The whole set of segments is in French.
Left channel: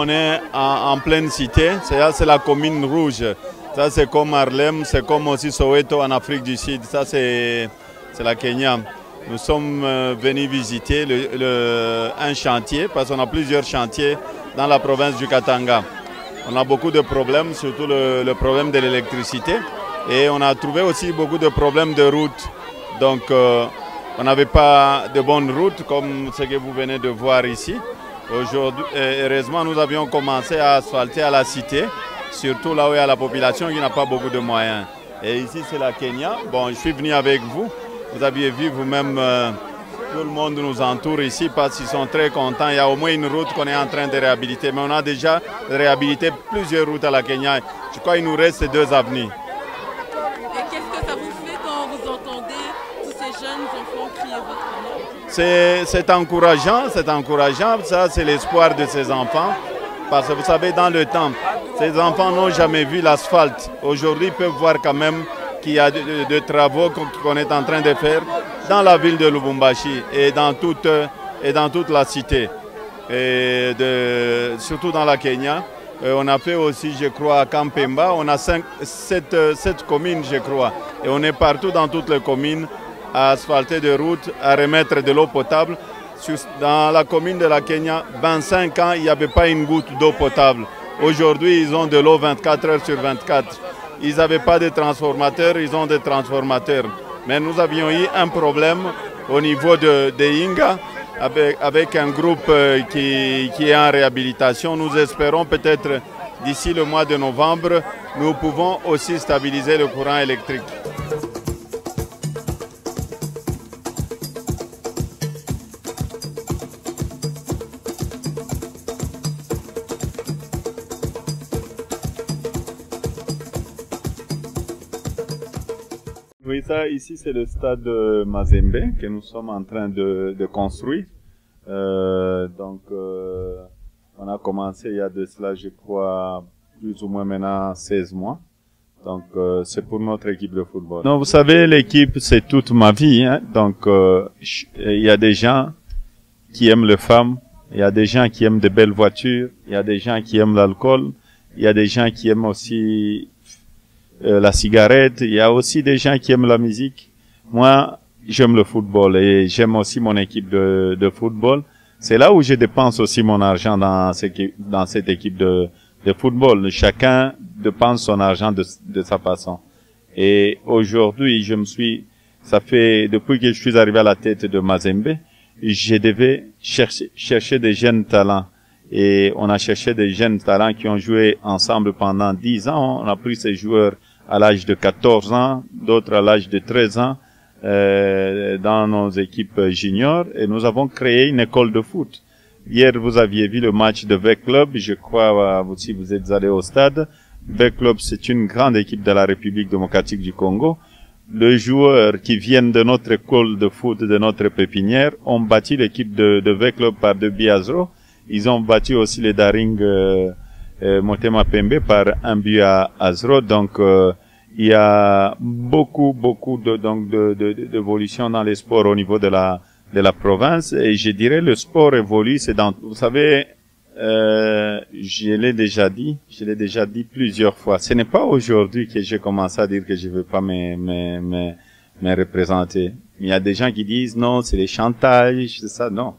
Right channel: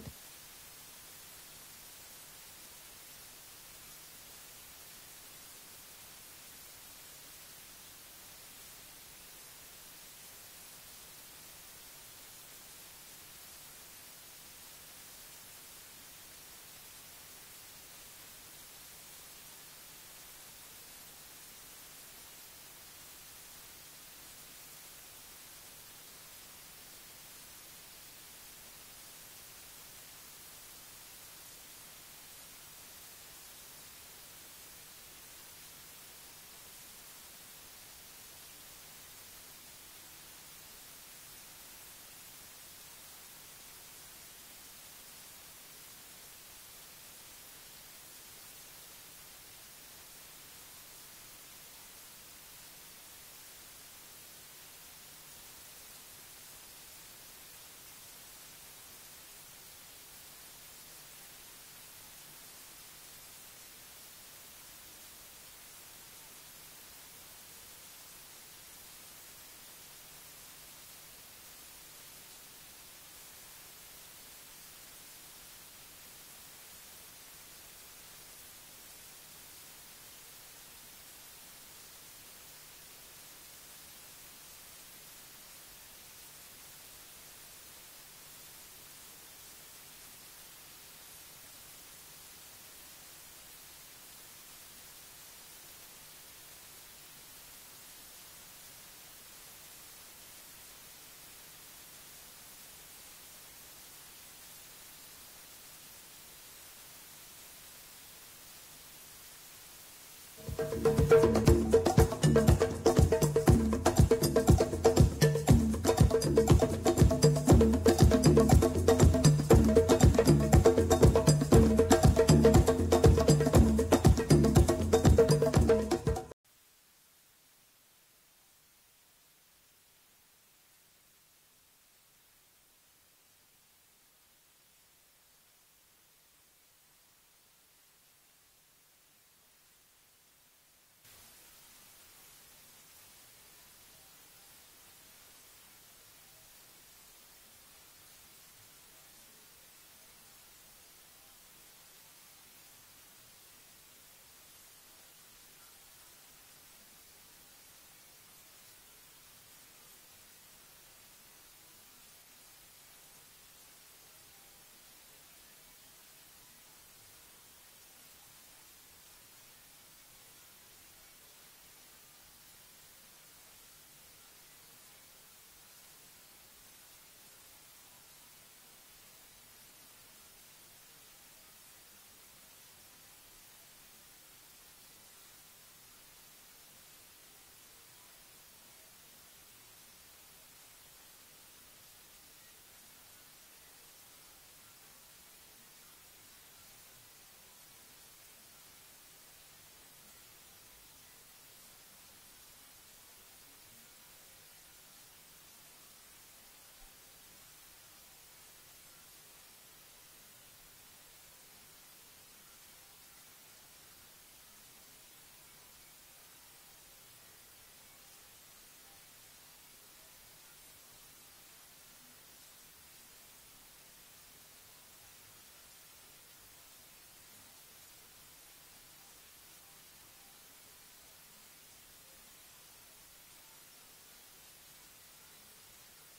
On est en pleine cité, c'est la commune rouge. Ça c'est comme Harlem, c'est comme aussi Soweto en Afrique du Sud. Ça c'est la Kenya. Nous sommes venus visiter un chantier parce qu'on a plusieurs chantiers dans la province du Katanga. On a beaucoup de problèmes, surtout le problème de l'électricité. Et on a trouvé aussi beaucoup de problèmes de route. Donc on n'avait pas de bonnes routes comme ce que vous venez de voir ici. Aujourd'hui, heureusement, nous avions commencé à asphalter à la cité, surtout là où il y a la population qui n'a pas beaucoup de moyens. Et ici, c'est la Kenya. Bon, je suis venu avec vous. Vous aviez vu vous-même, tout le monde nous entoure ici parce qu'ils sont très contents. Il y a au moins une route qu'on est en train de réhabiliter. Mais on a déjà réhabilité plusieurs routes à la Kenya. Je crois qu'il nous reste ces 2 avenues. Et qu'est-ce que ça vous fait quand vous entendez tous ces jeunes enfants crier votre nom? C'est encourageant, ça c'est l'espoir de ces enfants. Parce que vous savez, dans le temps, ces enfants n'ont jamais vu l'asphalte. Aujourd'hui, ils peuvent voir quand même qu'il y a de travaux qu'on est en train de faire dans la ville de Lubumbashi et dans toute la cité, et surtout dans la Kenya. On a fait aussi, je crois, à Kampemba, on a 7 communes, je crois. Et on est partout dans toutes les communes à asphalter des routes, à remettre de l'eau potable. Dans la commune de la Kenya, 25 ans, il n'y avait pas une goutte d'eau potable. Aujourd'hui, ils ont de l'eau 24 heures sur 24. Ils n'avaient pas de transformateurs, ils ont des transformateurs. Mais nous avions eu un problème au niveau de Inga, avec un groupe qui est en réhabilitation. Nous espérons peut-être d'ici le mois de novembre, nous pouvons aussi stabiliser le courant électrique. Oui, ça, ici, c'est le stade de Mazembe que nous sommes en train de construire. On a commencé il y a de cela, je crois, plus ou moins maintenant 16 mois. Donc, c'est pour notre équipe de football. Non, vous savez, l'équipe, c'est toute ma vie. Hein? Donc, il y a des gens qui aiment les femmes, il y a des gens qui aiment de belles voitures, il y a des gens qui aiment l'alcool, il y a des gens qui aiment aussi la cigarette, il y a aussi des gens qui aiment la musique. Moi, j'aime le football et j'aime aussi mon équipe de football. C'est là où je dépense aussi mon argent dans cette équipe de football. Chacun dépense son argent de sa façon. Et aujourd'hui, ça fait, depuis que je suis arrivé à la tête de Mazembe, je devais chercher des jeunes talents. Et on a cherché des jeunes talents qui ont joué ensemble pendant 10 ans. On a pris ces joueurs à l'âge de 14 ans, d'autres à l'âge de 13 ans, dans nos équipes juniors. Et nous avons créé une école de foot. Hier, vous aviez vu le match de V Club. Je crois, si vous êtes allé au stade. V Club, c'est une grande équipe de la République démocratique du Congo. Les joueurs qui viennent de notre école de foot, de notre pépinière, ont bâti l'équipe de V Club par 2-0. Ils ont battu aussi les Daring Motema Pembe par 1-0. Donc, il y a beaucoup d'évolution dans les sports au niveau de la province. Et je dirais le sport évolue. Vous savez, je l'ai déjà dit plusieurs fois. Ce n'est pas aujourd'hui que j'ai commencé à dire que je ne veux pas me représenter. Il y a des gens qui disent non, c'est les chantages, c'est ça. Non.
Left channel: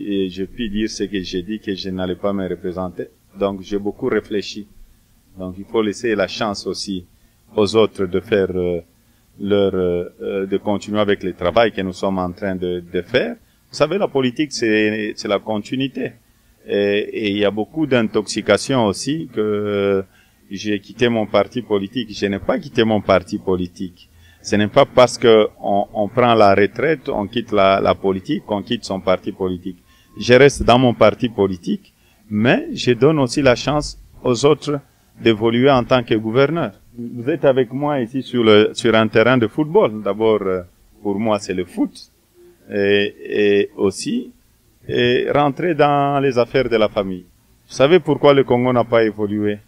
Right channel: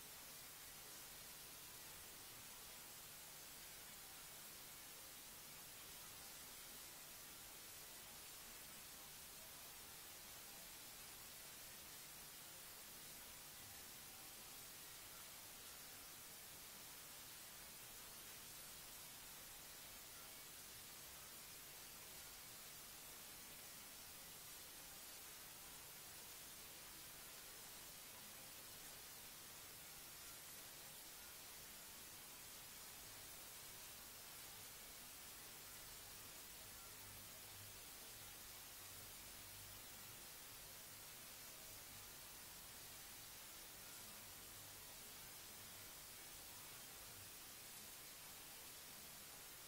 Je puis dire ce que j'ai dit, que je n'allais pas me représenter. Donc, j'ai beaucoup réfléchi. Donc, il faut laisser la chance aussi aux autres de de continuer avec le travail que nous sommes en train de faire. Vous savez, la politique, c'est la continuité. Et il y a beaucoup d'intoxication aussi que j'ai quitté mon parti politique. Je n'ai pas quitté mon parti politique. Ce n'est pas parce que on prend la retraite, on quitte la politique, qu'on quitte son parti politique. Je reste dans mon parti politique, mais je donne aussi la chance aux autres d'évoluer en tant que gouverneur. Vous êtes avec moi ici sur un terrain de football. D'abord, pour moi, c'est le foot. Et aussi, rentrer dans les affaires de la famille. Vous savez pourquoi le Congo n'a pas évolué?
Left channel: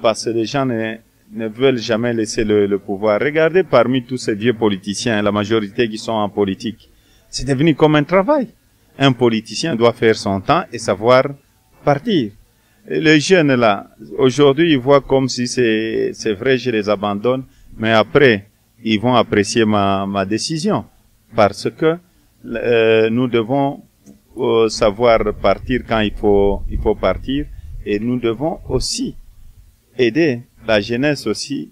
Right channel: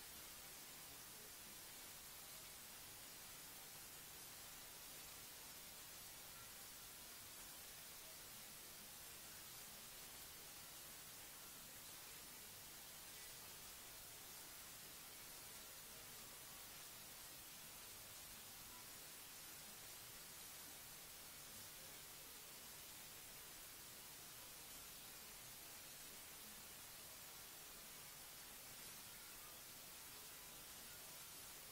Parce que les gens ne veulent jamais laisser le pouvoir. Regardez parmi tous ces vieux politiciens, la majorité qui sont en politique. C'est devenu comme un travail. Un politicien doit faire son temps et savoir partir. Et les jeunes là, aujourd'hui, ils voient comme si c'est vrai, je les abandonne, mais après, ils vont apprécier ma décision. Parce que nous devons savoir partir quand il faut partir, et nous devons aussi aider la jeunesse aussi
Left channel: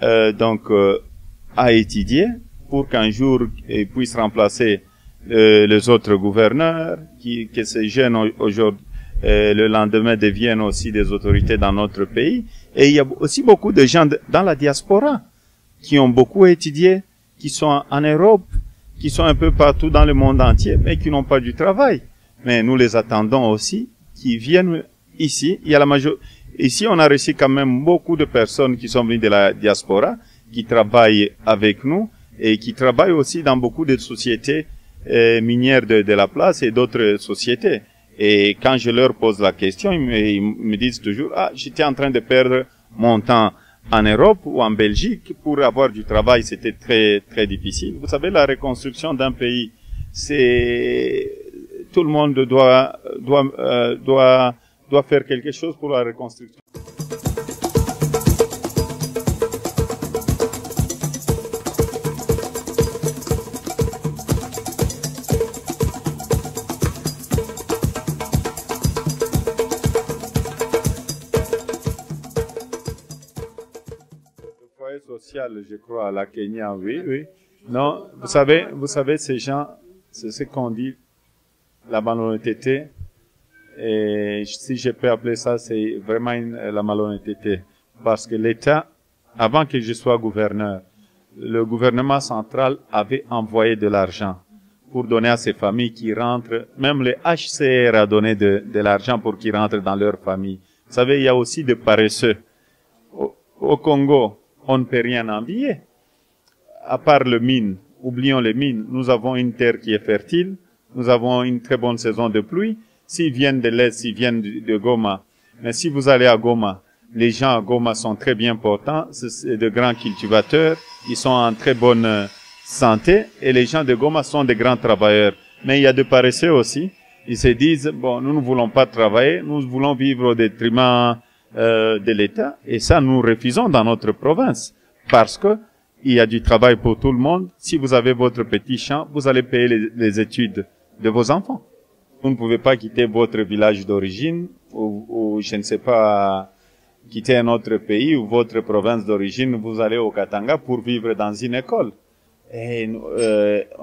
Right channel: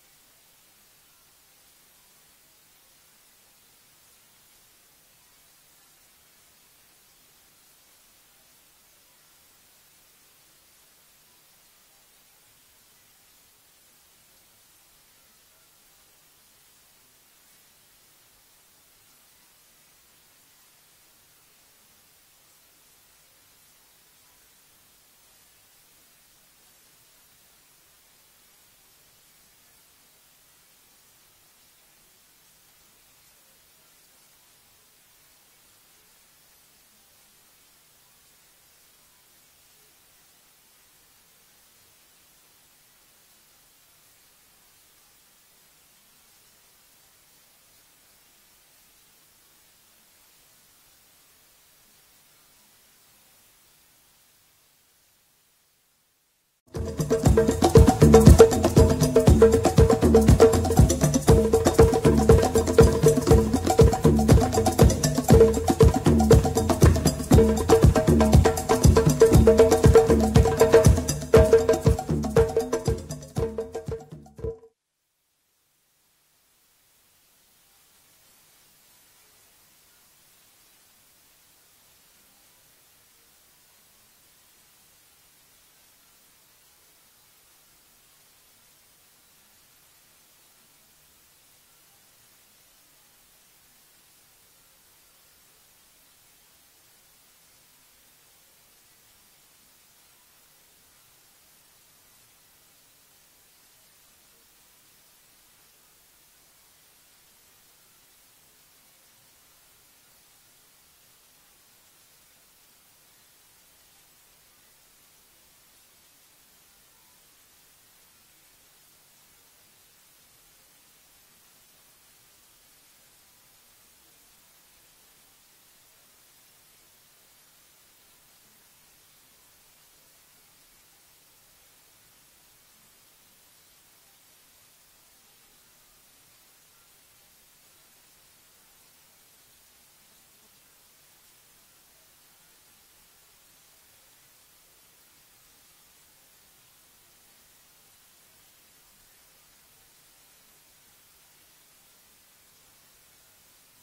à étudier pour qu'un jour ils puissent remplacer les autres gouverneurs, que ces jeunes aujourd'hui le lendemain deviennent aussi des autorités dans notre pays. Et il y a aussi beaucoup de gens dans la diaspora qui ont beaucoup étudié, qui sont en Europe, qui sont un peu partout dans le monde entier, mais qui n'ont pas du travail. Mais nous les attendons aussi, qui viennent ici. Il y a ici, on a reçu quand même beaucoup de personnes qui sont venues de la diaspora, qui travaillent avec nous et qui travaillent aussi dans beaucoup de sociétés minières de la place et d'autres sociétés. Et quand je leur pose la question, ils me disent toujours, j'étais en train de perdre mon temps en Europe ou en Belgique pour avoir du travail, c'était très très difficile. Vous savez, la reconstruction d'un pays, tout le monde doit faire quelque chose pour la reconstruction. Je crois, à la Kenya, oui. Non, vous savez, ces gens, c'est ce qu'on dit, la malhonnêteté. Et si je peux appeler ça, c'est vraiment la malhonnêteté. Parce que l'État, avant que je sois gouverneur, le gouvernement central avait envoyé de l'argent pour donner à ces familles qui rentrent. Même le HCR a donné de l'argent pour qu'ils rentrent dans leur famille. Vous savez, il y a aussi des paresseux. Au Congo, on ne peut rien envier. À part les mines, oublions les mines, nous avons une terre qui est fertile, nous avons une très bonne saison de pluie. S'ils viennent de l'Est, s'ils viennent de Goma, mais si vous allez à Goma, les gens à Goma sont très bien portants, c'est de grands cultivateurs, ils sont en très bonne santé, et les gens de Goma sont de grands travailleurs. Mais il y a des paresseux aussi, ils se disent, bon, nous ne voulons pas travailler, nous voulons vivre au détriment de l'État, et ça nous refusons dans notre province, parce que il y a du travail pour tout le monde. Si vous avez votre petit champ, vous allez payer les études de vos enfants. Vous ne pouvez pas quitter votre village d'origine, ou je ne sais pas, quitter un autre pays ou votre province d'origine, vous allez au Katanga pour vivre dans une école. Et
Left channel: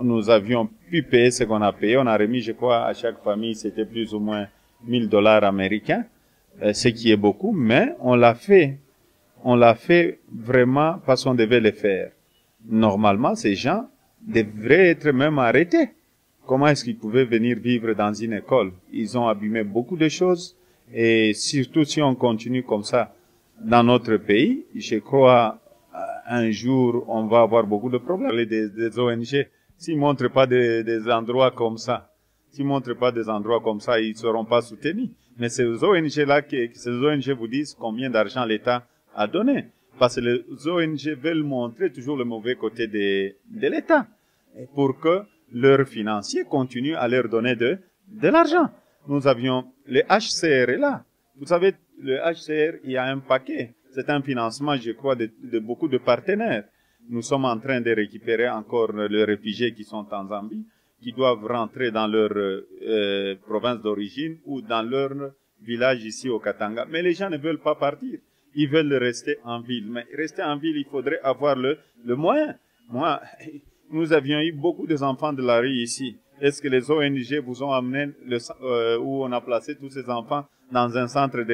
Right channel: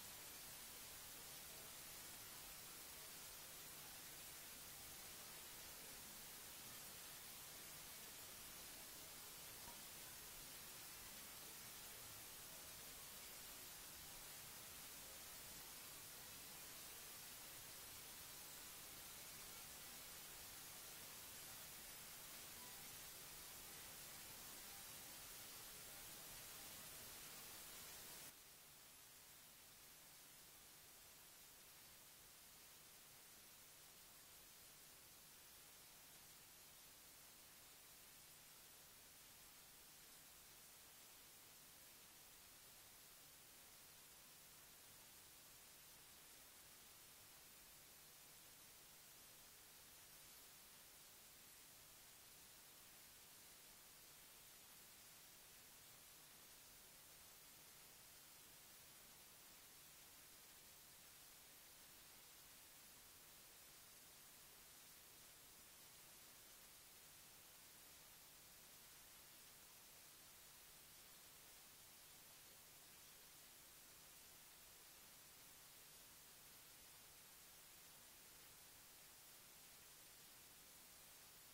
nous avions pu payer ce qu'on a payé, on a remis, je crois, à chaque famille, c'était plus ou moins $1000 américains. Ce qui est beaucoup, mais on l'a fait vraiment parce qu'on devait le faire. Normalement, ces gens devraient être même arrêtés. Comment est-ce qu'ils pouvaient venir vivre dans une école? Ils ont abîmé beaucoup de choses, et surtout si on continue comme ça dans notre pays, je crois un jour on va avoir beaucoup de problèmes. Des ONG, s'ils montrent pas des endroits comme ça, ils ne seront pas soutenus. Mais ces ONG-là, ces ONG vous disent combien d'argent l'État a donné. Parce que les ONG veulent montrer toujours le mauvais côté de l'État. Pour que leurs financiers continuent à leur donner de l'argent. Nous avions, le HCR est là. Vous savez, le HCR, il y a un paquet. C'est un financement, je crois, de beaucoup de partenaires. Nous sommes en train de récupérer encore les réfugiés qui sont en Zambie, qui doivent rentrer dans leur province d'origine ou dans leur village ici au Katanga. Mais les gens ne veulent pas partir. ils veulent rester en ville. Mais rester en ville, il faudrait avoir le moyen. Moi, nous avions eu beaucoup d'enfants de la rue ici. Est-ce que les ONG vous ont amené où on a placé tous ces enfants dans un centre de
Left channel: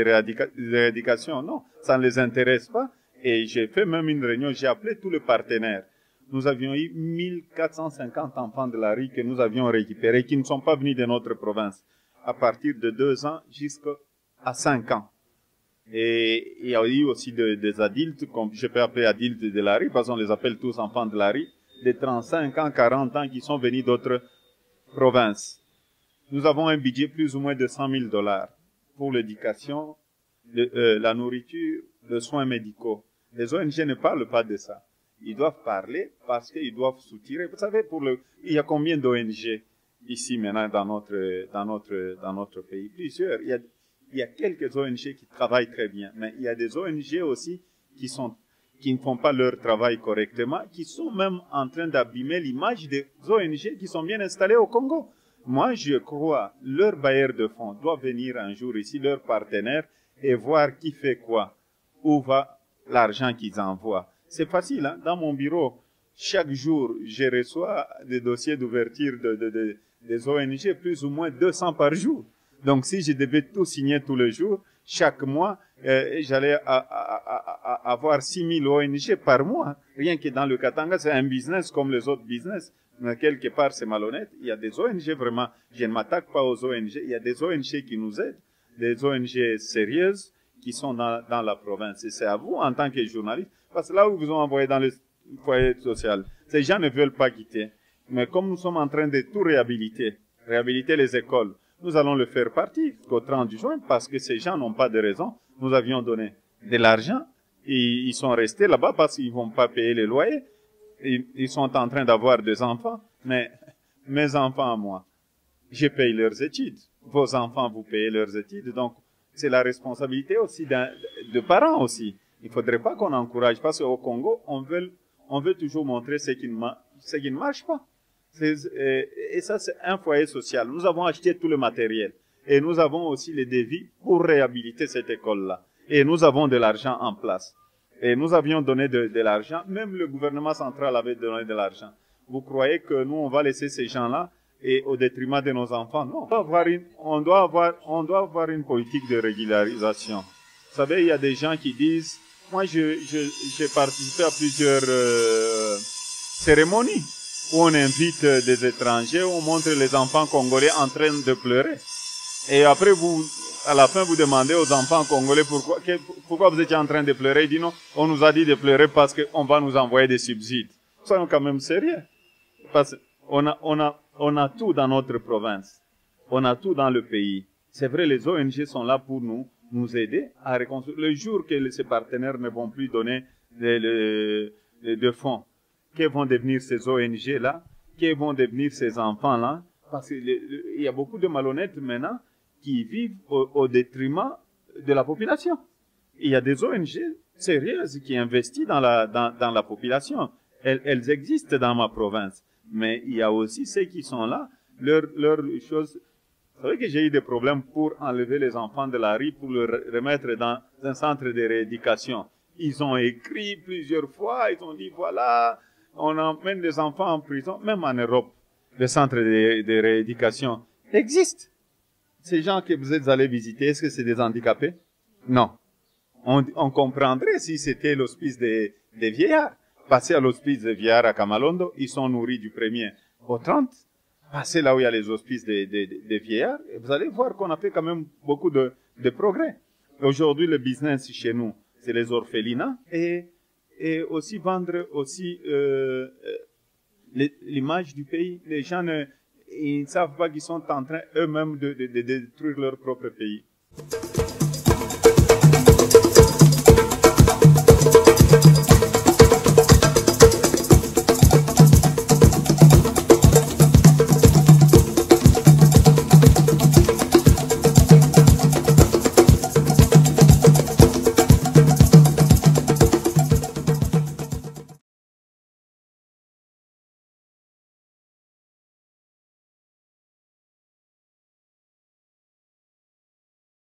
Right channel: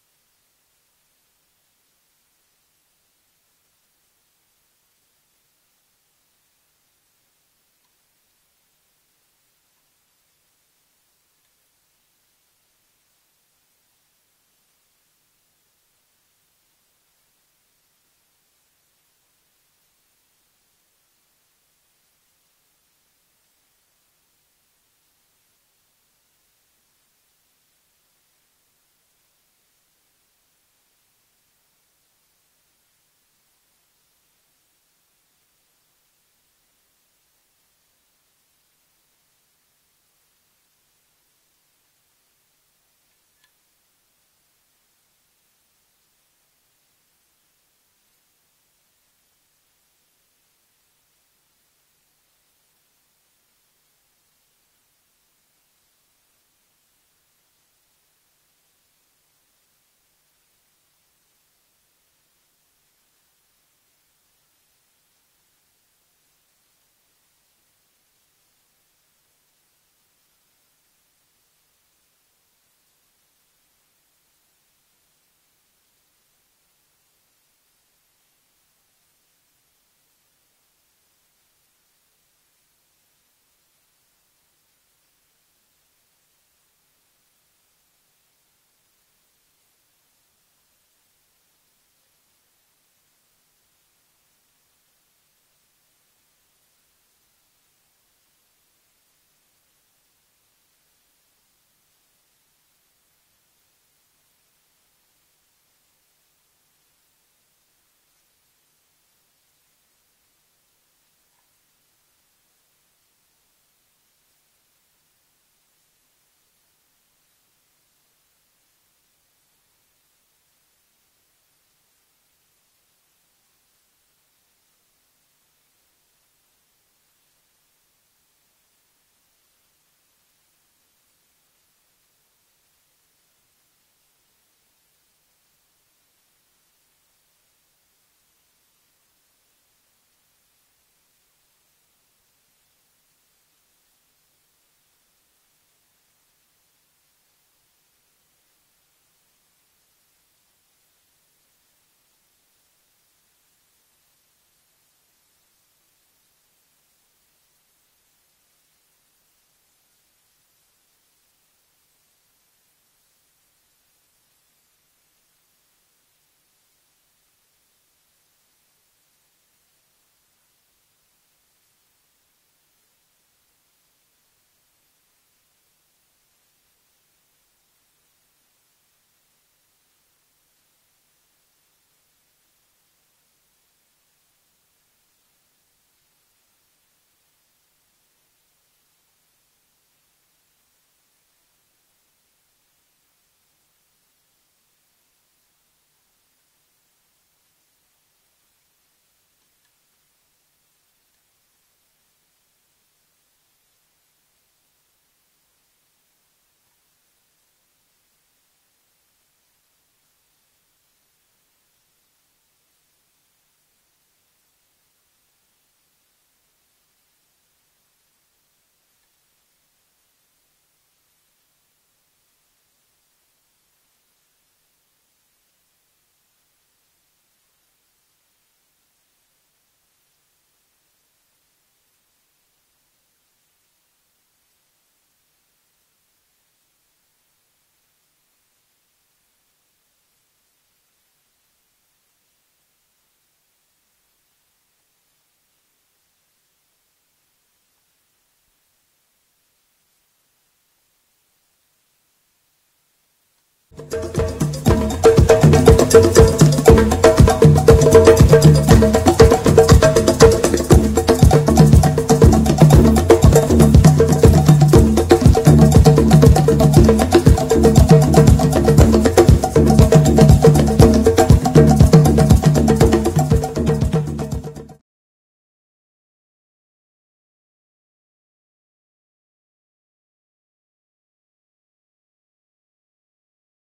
rééducation? Non, ça ne les intéresse pas. Et j'ai fait même une réunion, j'ai appelé tous les partenaires. Nous avions eu 1450 enfants de la rue que nous avions récupérés, qui ne sont pas venus de notre province, à partir de 2 ans jusqu'à 5 ans. Et il y a eu aussi des adultes, comme je peux appeler adultes de la rue, parce qu'on les appelle tous enfants de la rue, de 35 ans, 40 ans, qui sont venus d'autres provinces. Nous avons un budget plus ou moins de 100 000 $ pour l'éducation, la nourriture, les soins médicaux. Les ONG ne parlent pas de ça. Ils doivent parler parce qu'ils doivent soutirer. Vous savez, il y a combien d'ONG ici maintenant dans notre pays? Plusieurs. Il y a quelques ONG qui travaillent très bien, mais il y a des ONG aussi qui ne font pas leur travail correctement, qui sont même en train d'abîmer l'image des ONG qui sont bien installées au Congo. Moi, je crois, leurs bailleurs de fonds doivent venir un jour ici, leurs partenaires, et voir qui fait quoi, où va l'argent qu'ils envoient. C'est facile, hein? Dans mon bureau, chaque jour, je reçois des dossiers d'ouverture des ONG, plus ou moins 200 par jour. Donc, si je devais tout signer tous les jours, chaque mois, j'allais avoir 6 000 ONG par mois. Rien que dans le Katanga, c'est un business comme les autres business. Mais quelque part, c'est malhonnête. Il y a des ONG vraiment, je ne m'attaque pas aux ONG, il y a des ONG qui nous aident, des ONG sérieuses qui sont dans la province. Et c'est à vous, en tant que journaliste, parce que là où vous ont envoyé dans le foyer social, ces gens ne veulent pas quitter. Mais comme nous sommes en train de tout réhabiliter les écoles, nous allons le faire partir au 30 juin parce que ces gens n'ont pas de raison. Nous avions donné de l'argent et ils sont restés là-bas parce qu'ils ne vont pas payer les loyers. Ils sont en train d'avoir des enfants, mais mes enfants à moi, je paye leurs études. Vos enfants, vous payez leurs études. Donc, c'est la responsabilité aussi de parents aussi. Il ne faudrait pas qu'on encourage, parce qu'au Congo, on veut toujours montrer ce qui ne marche pas. Et ça, c'est un foyer social. Nous avons acheté tout le matériel. Et nous avons aussi les devis pour réhabiliter cette école-là. Et nous avons de l'argent en place. Et nous avions donné de l'argent. Même le gouvernement central avait donné de l'argent. Vous croyez que nous, on va laisser ces gens-là et au détriment de nos enfants? Non. On doit avoir une politique de régularisation. Vous savez, il y a des gens qui disent, moi, j'ai participé à plusieurs cérémonies où on invite des étrangers, on montre les enfants congolais en train de pleurer. Et après, à la fin, vous demandez aux enfants congolais pourquoi vous étiez en train de pleurer. Ils disent non, on nous a dit de pleurer parce qu'on va nous envoyer des subsides. Soyons quand même sérieux. Parce qu'on a tout dans notre province. On a tout dans le pays. C'est vrai, les ONG sont là pour nous aider à reconstruire. Le jour que ces partenaires ne vont plus donner de fonds, que vont devenir ces ONG-là? Que vont devenir ces enfants-là? Parce qu'il y a beaucoup de malhonnêtes maintenant qui vivent au détriment de la population. Il y a des ONG sérieuses qui investissent dans la population. Elles existent dans ma province. Mais il y a aussi ceux qui sont là, leurs choses. C'est vrai que j'ai eu des problèmes pour enlever les enfants de la rue, pour les remettre dans un centre de rééducation. Ils ont écrit plusieurs fois, ils ont dit voilà, on emmène les enfants en prison, même en Europe. Le centre de rééducation existe. Ces gens que vous êtes allés visiter, est-ce que c'est des handicapés? Non. On comprendrait si c'était l'hospice des vieillards. Passez à l'hospice des vieillards à Kamalondo, ils sont nourris du 1er au 30. Passez là où il y a les hospices des vieillards, et vous allez voir qu'on a fait quand même beaucoup de progrès. Aujourd'hui, le business chez nous, c'est les orphelinats et aussi vendre aussi l'image du pays. Les gens ils ne savent pas qu'ils sont en train eux-mêmes de détruire leur propre pays.